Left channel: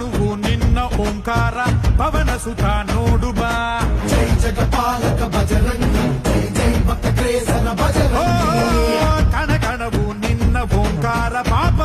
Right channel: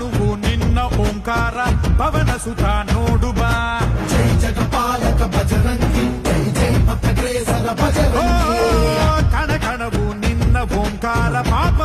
ತನುವು ನಿನ್ನ ಓಂಕಾರ ಪವನ ಸುತ ನೋಡು ಬಾ ಜೈ ಜಗಪಾಲಕ ಭಜರಂಗಿ ಜೈ ಜೈ ಭಕ್ತ ಕೇಸರ ಭಜರಂಗಿ ಕಣಕಣವು ನಿನ್ನ ಓಂಕಾರ ಪಾಪ